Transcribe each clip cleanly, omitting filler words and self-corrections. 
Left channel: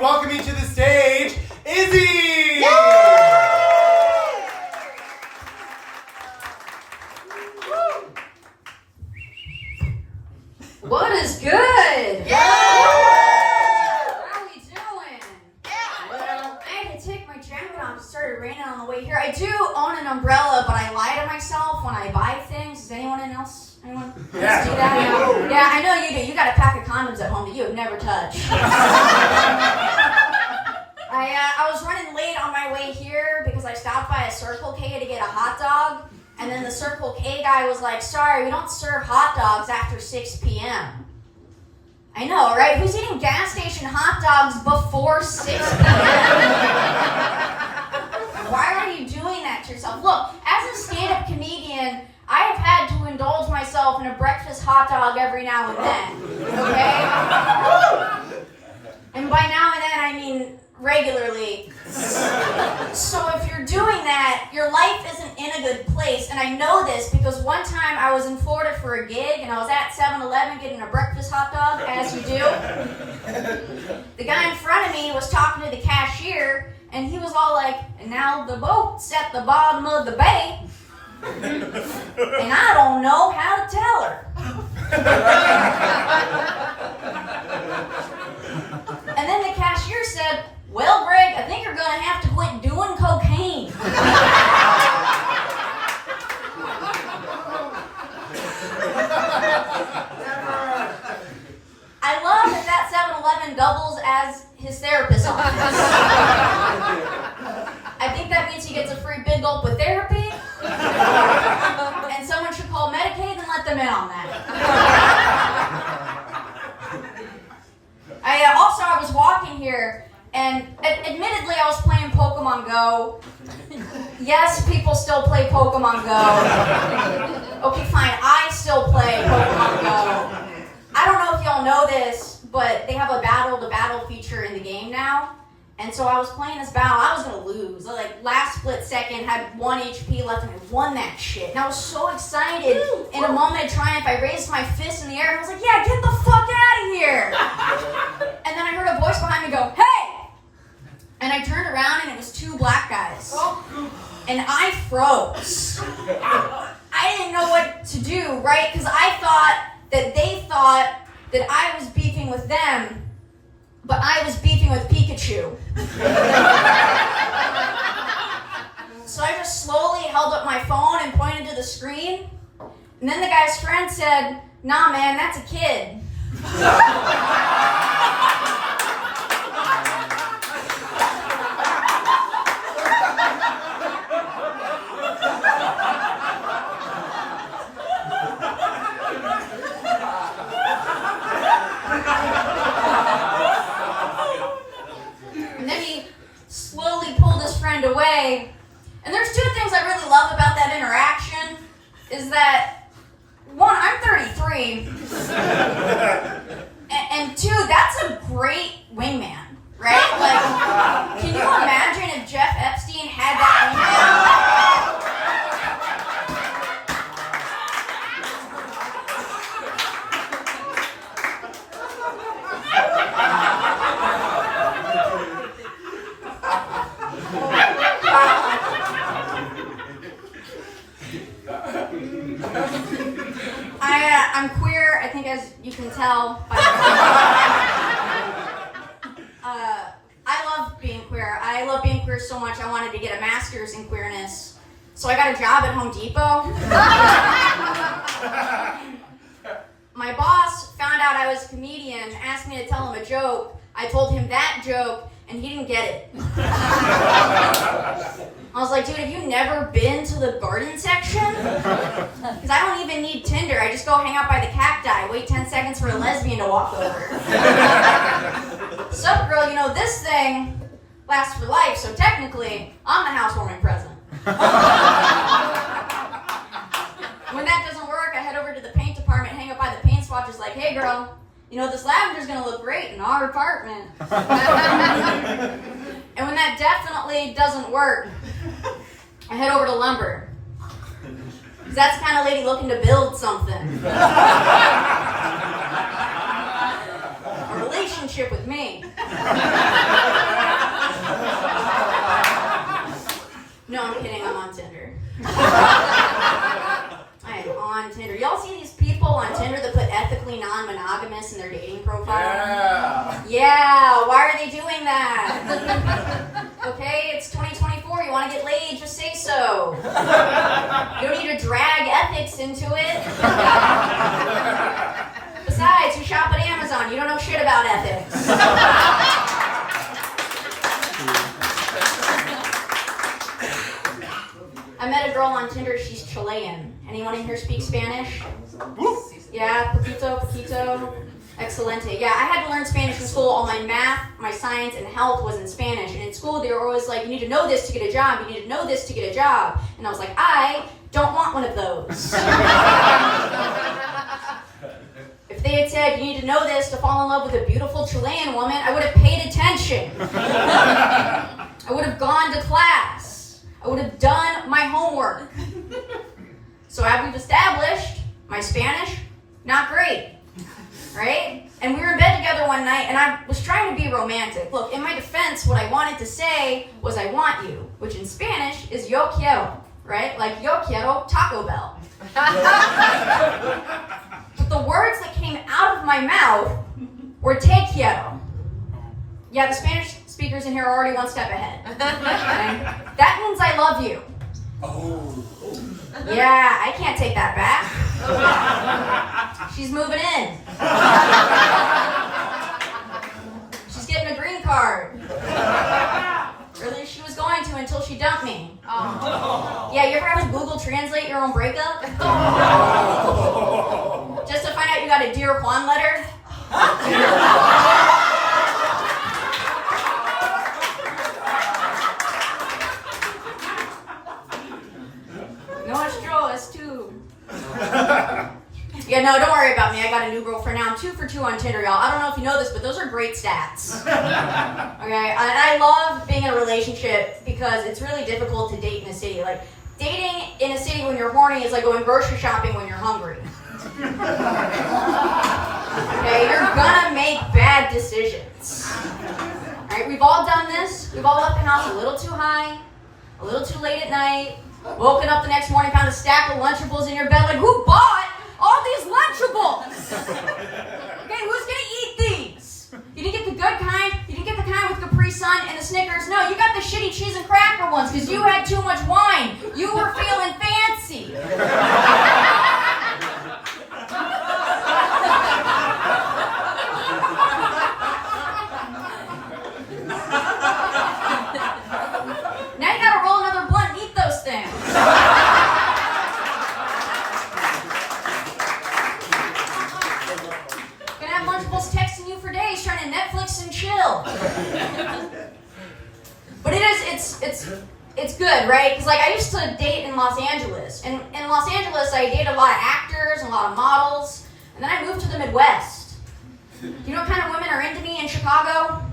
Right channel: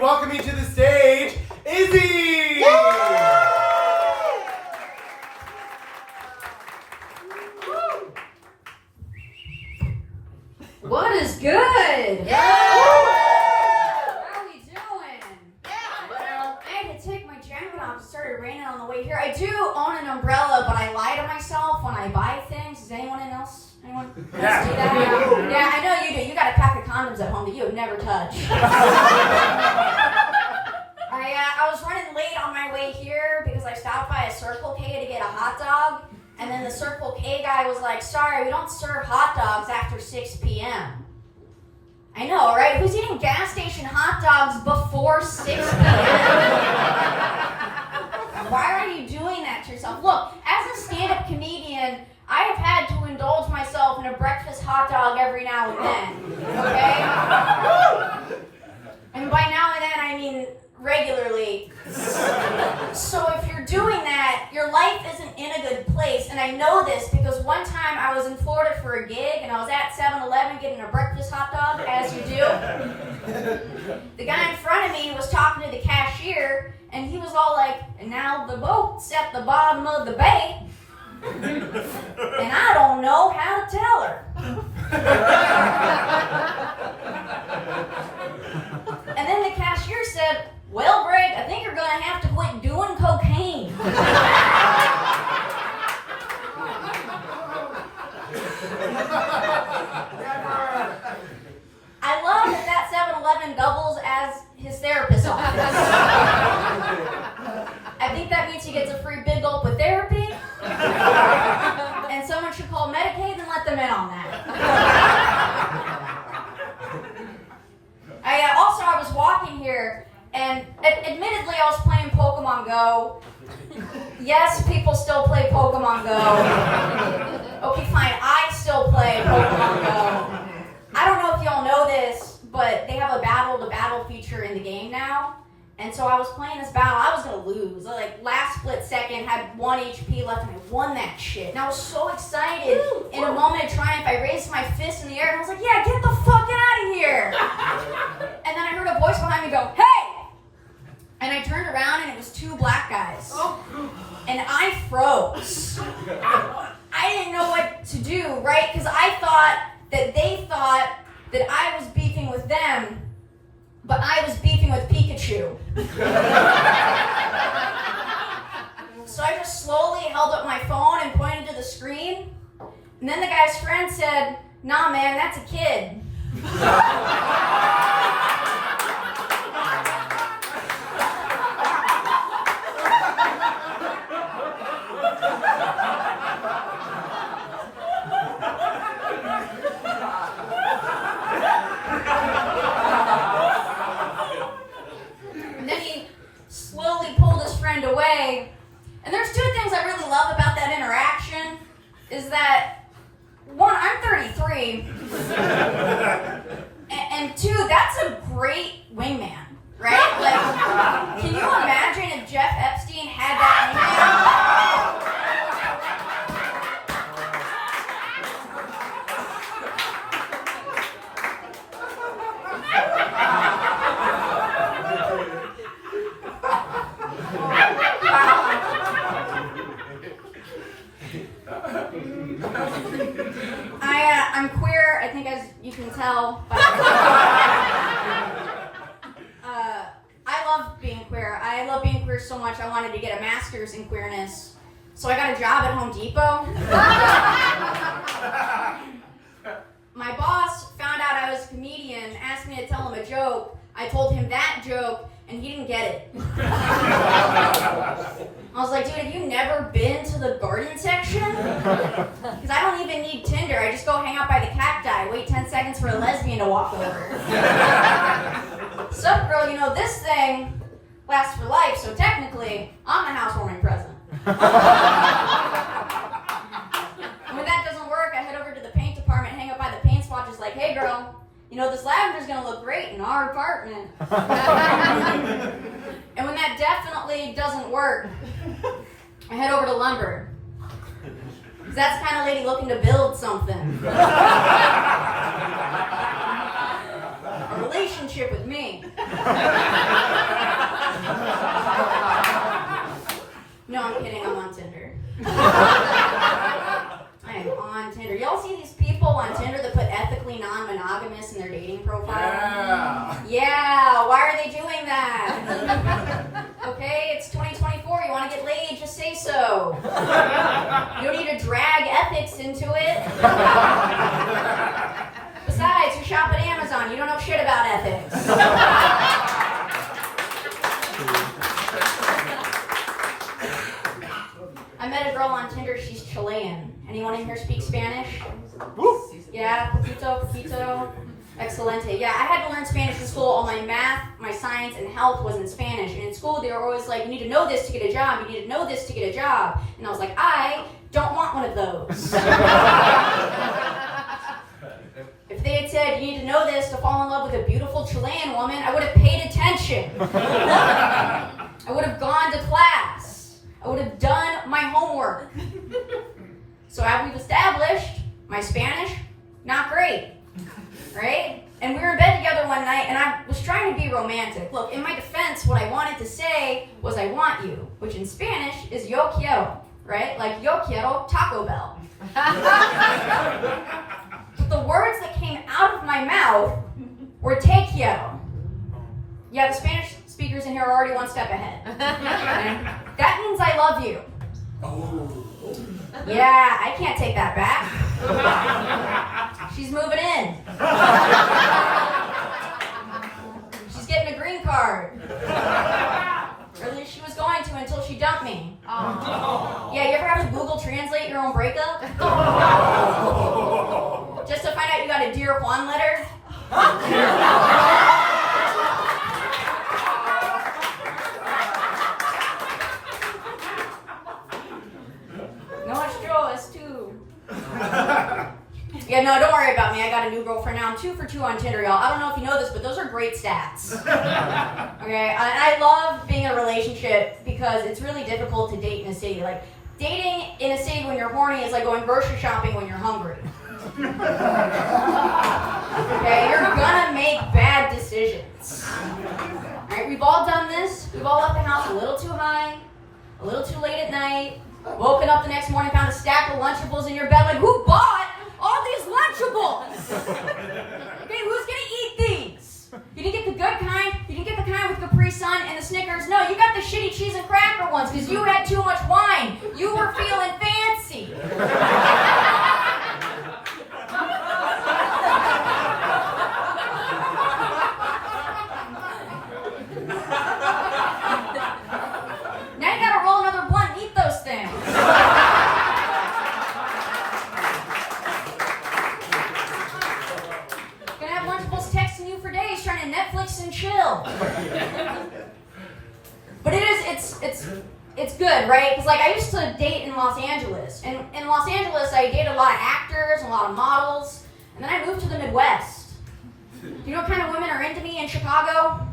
welcoming to the stage, Izzy! What is good? Yeah. How are we doing? I had to take my jacket off. It started raining on the way here. I do own an umbrella, but I lie to myself when I buy things. Does anyone else do that? Yeah, I know you do. You got a pack of condoms at home that you have never touched. I was running late on my way here because I stopped by a Circle K to get a hot dog. And then the Circle K guy was like, sorry, we don't serve hot dogs after 6 p.m. I know, right? Who's eating gas station hot dogs before 6 p.m.? Why are you doing that to yourself? Look, as a stand-up comedian, I have had to indulge myself in a breakfast hot dog every now and then, okay? And by now and then, I mean regularly. So if you're doing that, your life isn't in a good place. And I know this because one time I was in Florida for a gig and I was at 7-Eleven getting a breakfast hot dog, as you do. The guy in front of me was talking to the cashier and he was all like, and now the boat's at the bottom of the bay. And I don't know how to tell her. And then the cashier said, well, Greg, I think you're going to have to quit doing cocaine. I love that 7-Eleven doubles as his therapist's office. I think that means he gets a free big gulp of therapy. And someone should call Medicaid and let them in on that. I was walking here, and admittedly I was playing Pokemon Go. Yes, people still play Pokemon Go. Okay, fine, I still play Pokemon Go. I don't know if y'all know this, but they have a battle feature in the game now. And so I was playing this battle, I was gonna lose. Like last split second, had 1 HP left and I won that shit. And I was so excited. In a moment of triumph, I raised my fist in the air and I was like, yeah, get the fuck out of here. And then I heard a voice behind me go, hey! And I turned around and it was 2 black guys. And I froze. I didn't know what to do, right? Because I thought that they thought that I was beefing with them, but I was beefing with Pikachu. So I just slowly held up my phone and pointed to the screen. And then the guy's friend said, nah, man, that's a kid. Away. And there's 2 things I really love about that interaction is that 1, I'm 33 and 2, that's a great wingman, right? Like, can you imagine if Jeff Epstein had that wingman? I'm queer, I think, as you can tell by the I love being queer. I love being queer so much I wanted to get a master's in queerness. So I got a job at Home Depot. My boss found out I was a comedian, asked me to tell him a joke. I told him that joke, and he didn't get it. I was like, dude, have you never been to the garden section? Because I don't even need Tinder. I just go hang out by the cacti, wait 10 seconds for a lesbian to walk over. Sup, girl, you know, this thing lasts for life, so technically, I'm the housewarming present. When that doesn't work, I head over to the paint department, hang up by the paint swatches like, hey, girl, you know, this lavender's gonna look great in our apartment. And when that definitely doesn't work, I head over to lumber. Because that's the kind of lady looking to build something. A relationship with me. Okay, it's 2024. You want to get laid? Just say so. You don't need to drag ethics into it. Besides, you shop at Amazon. You don't know shit about ethics. I met a girl on Tinder. She's Chilean. Anyone in here speak Spanish? Yeah, poquito. Excelente. Yeah, I had to learn Spanish in school. All my math, my science, and health was in Spanish. And in school, they were always like, you need to know this to get a job. You need to know this to get a job. And I was like, I don't want one of those. If they had said, you need to know this to fall in love with a beautiful Chilean woman, I would have paid attention. I would have gone to class. I would have done my homework. So as we've established, my Spanish, not great. Right? And we were in bed together one night, and I was trying to be romantic. Look, in my defense, what I wanted to say was I want you, which in Spanish is yo quiero, right? Like yo quiero Taco Bell. But the words that came out of my mouth were te quiero. Yeah, the Spanish speakers in here are already one step ahead. Okay? That means I love you. Oh. Yeah, I can't take that back. She's moving in. She's getting a green card. Really, she was going to until she dumped me. Oh. Yeah, you ever have to Google Translate your own breakup? Just to find out you got a Dear Juan letter? Yeah, no, don't worry about me. I got a new girlfriend now. I'm 2 for 2 on Tinder, y'all. I don't know if you know this, but those are great stats. Okay, and I love being in a relationship because it's really difficult to date in a city. Like, dating in a city when you're horny is like going grocery shopping when you're hungry. Okay, you're gonna make bad decisions. Alright, we've all done this. We've all left the house a little too high, a little too late at night, woken up the next morning, found a stack of Lunchables in your bed, like, who bought all these Lunchables? Okay, who's gonna eat these? You didn't get the good kind, you didn't get the kind with Capri Sun and the Snickers. No, you got the shitty cheese and cracker ones because you had too much wine. You were feeling fancy. Now you gotta roll another blunt and eat those things. Gonna have Lunchables texting you for days trying to Netflix and chill. But it's good, right? Because like I used to date in Los Angeles. And in Los Angeles I dated a lot of actors and a lot of models. And then I moved to the Midwest. Do you know what kind of women are into me in Chicago?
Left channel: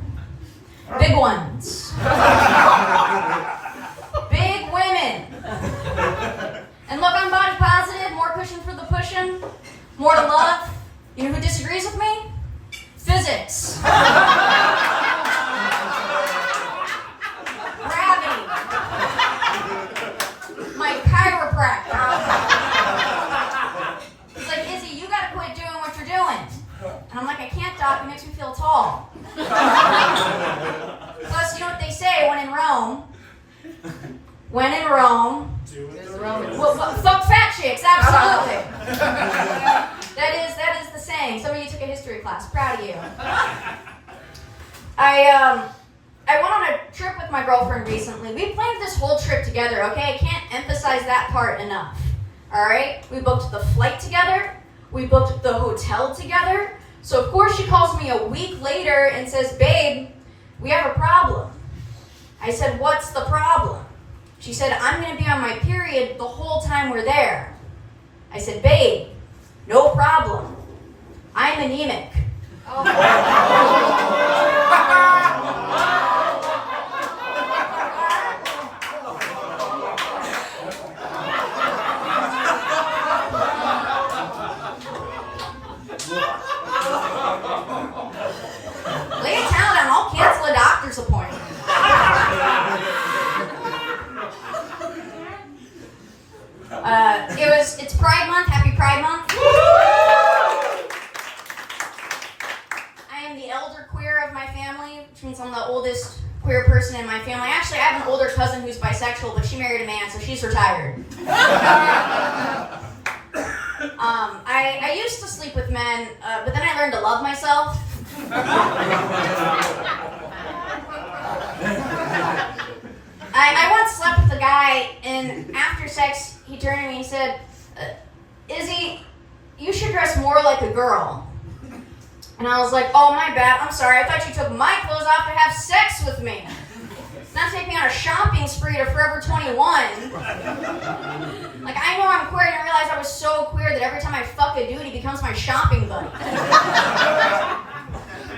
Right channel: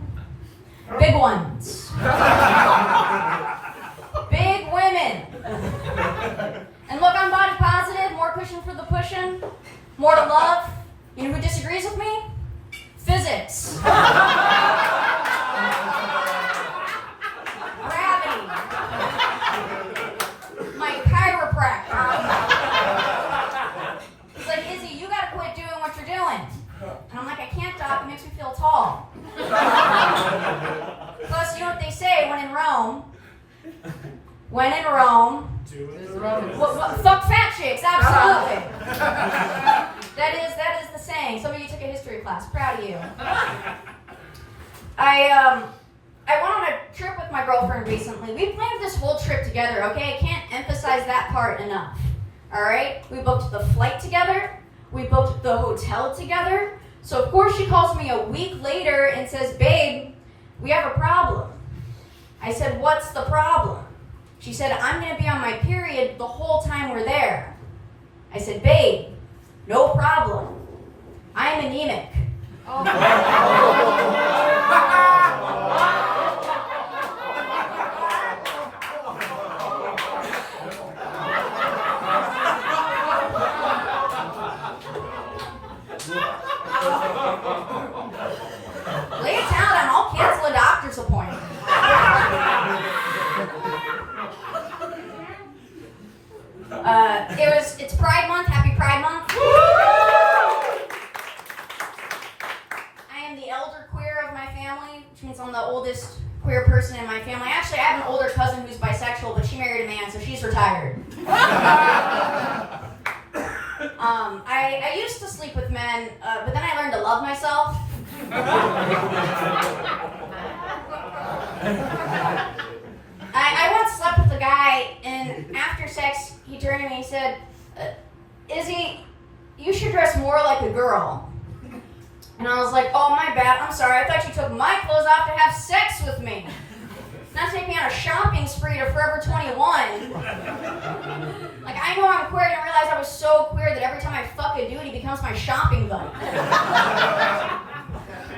Big ones. Big women. And look, I'm body positive, more cushion for the pushing, more to love. You know who disagrees with me? Physics. Gravity. My chiropractor. He's like, Izzy, you gotta quit doing what you're doing. And I'm like, I can't, Doc, it makes me feel tall. Plus, you know what they say, when in Rome, fuck fat chicks, absolutely. That is the saying. Some of you took a history class, proud of you. I went on a trip with my girlfriend recently. We planned this whole trip together, okay? I can't emphasize that part enough, all right? We booked the flight together. We booked the hotel together. So, of course, she calls me a week later and says, babe, we have a problem. I said, what's the problem? She said, I'm going to be on my period the whole time we're there. I said, babe, no problem. I'm anemic. Lay it down and I'll cancel a doctor's appointment. It's Pride Month. Happy Pride Month. I am the elder which means I'm the oldest queer person in my family. Actually, I have an older cousin who's bisexual, but she married a man, so she's retired. I used to sleep with men, but then I learned to love myself. I once slept with a guy, and after sex, he turned to me and said, Izzy, you should dress more like a girl. And I was like, oh, my bad, I'm sorry, I thought you took my clothes off to have sex with me. Not take me on a shopping spree to Forever 21. Like, I know I'm queer, I didn't realize I was so queer that every time I fuck a dude, he becomes my shopping buddy.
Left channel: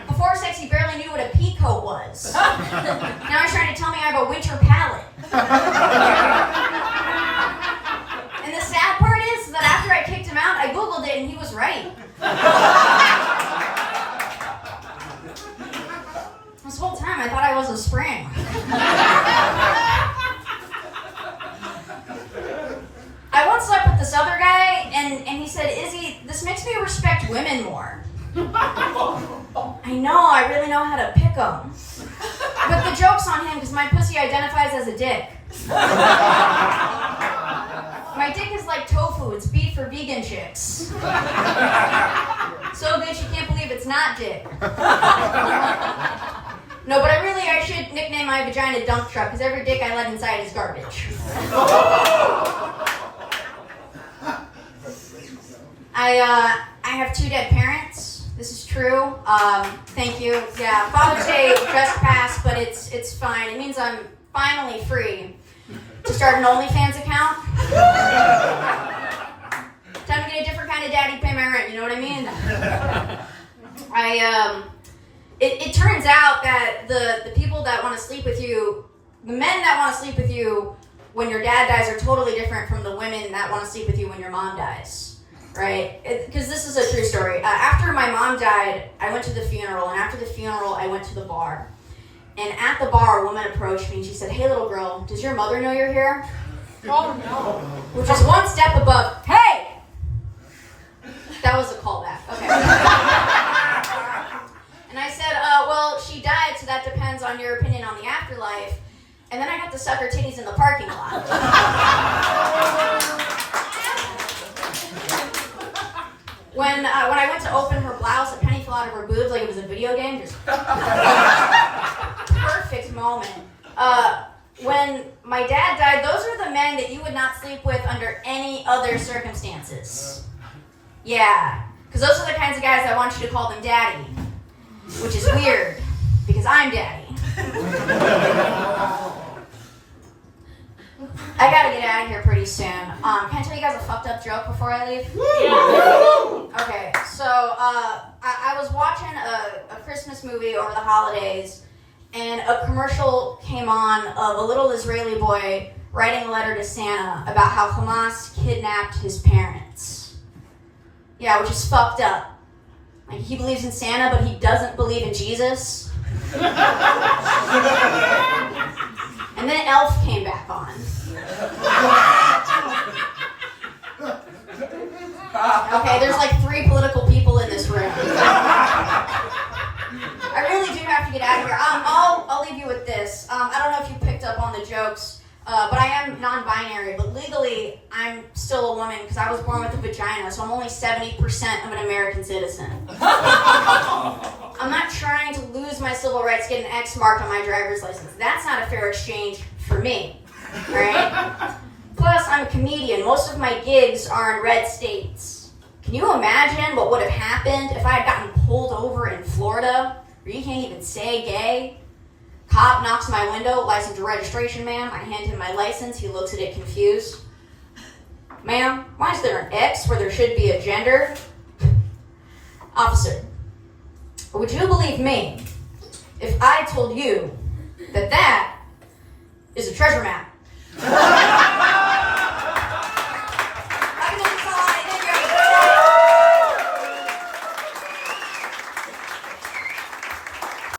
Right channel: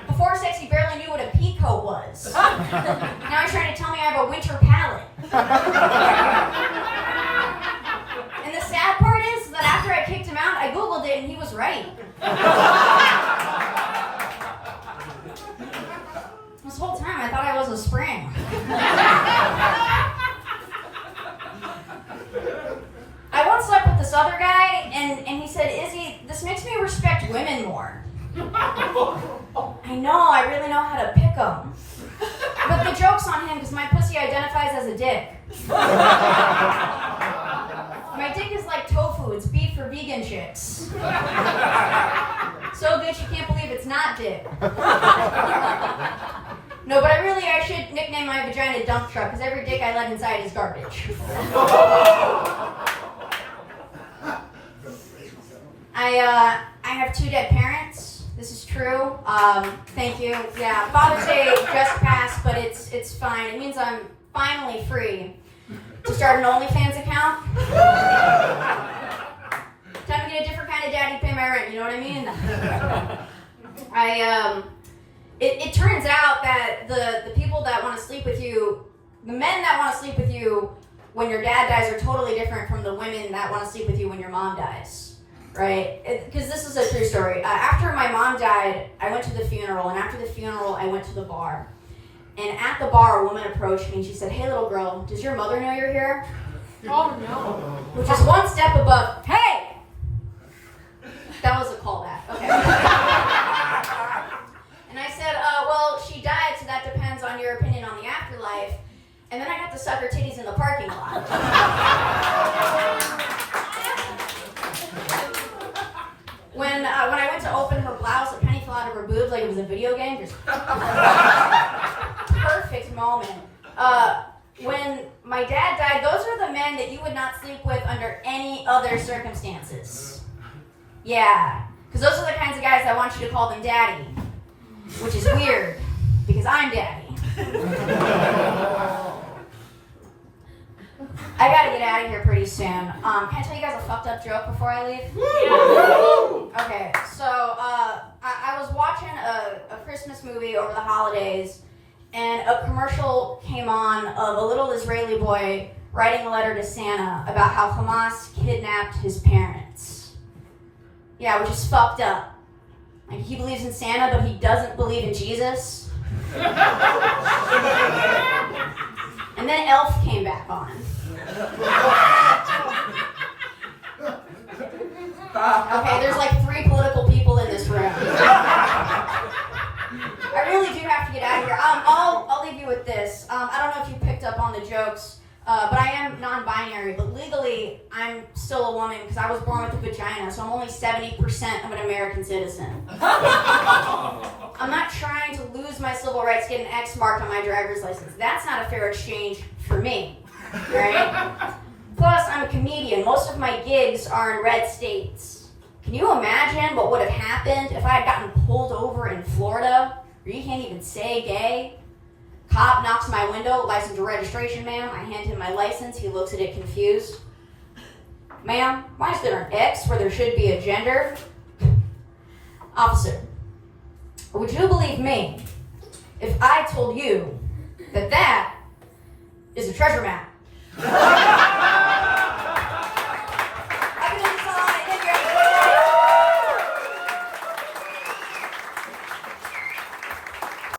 Before sex, he barely knew what a peacoat was. Now he's trying to tell me I have a winter palate. And the sad part is that after I kicked him out, I Googled it and he was right. This whole time I thought I was a spring. I once slept with this other guy and he said, Izzy, this makes me respect women more. I know, I really know how to pick them. But the joke's on him because my pussy identifies as a dick. My dick is like tofu, it's beef for vegan chicks. So good you can't believe it's not dick. No, but I should nickname my vagina dump truck because every dick I let inside is garbage. I have 2 dead parents. This is true. Thank you. Yeah, Father's Day just passed, but it's fine. It means I'm finally free to start an OnlyFans account. Time to get a different kind of daddy to pay my rent, you know what I mean? It turns out that the people that want to sleep with you, the men that want to sleep with you when your dad dies are totally different from the women that want to sleep with you when your mom dies. Right? Because this is a true story. After my mom died, I went to the funeral, and after the funeral, I went to the bar. And at the bar, a woman approached me, and she said, hey, little girl, does your mother know you're here? Oh, no. Which is one step above, hey! That was a callback. Okay. And I said, well, she died, so that depends on your opinion on the afterlife. And then I got to suck her titties in the parking lot. When I went to open her blouse, a penny fell out of her boobs like it was a video game. Just perfect moment. When my dad died, those are the men that you would not sleep with under any other circumstances. Yeah, because those are the kinds of guys that want you to call them daddy, which is weird, because I'm daddy. I gotta get out of here pretty soon. Can I tell you guys a fucked up joke before I leave? Okay, so I was watching a Christmas movie over the holidays, and a commercial came on of a little Israeli boy writing a letter to Santa about how Hamas kidnapped his parents. Yeah, which is fucked up. Like, he believes in Santa, but he doesn't believe in Jesus. And then Elf came back on. Okay, there's like 3 political people in this room. I really do have to get out of here. I'll leave you with this. I don't know if you picked up on the jokes, but I am non-binary, but legally I'm still a woman because I was born with a vagina, so I'm only 70% of an American citizen. I'm not trying to lose my civil rights, get an X mark on my driver's license. That's not a fair exchange for me, right? Plus, I'm a comedian. Most of my gigs are in red states. Can you imagine what would have happened if I had gotten pulled over in Florida, where you can't even say gay? Cop knocks my window, license or registration, ma'am. I hand him my license. He looks at it confused. Ma'am, why is there an X where there should be a gender? Officer, would you believe me if I told you that is a treasure map?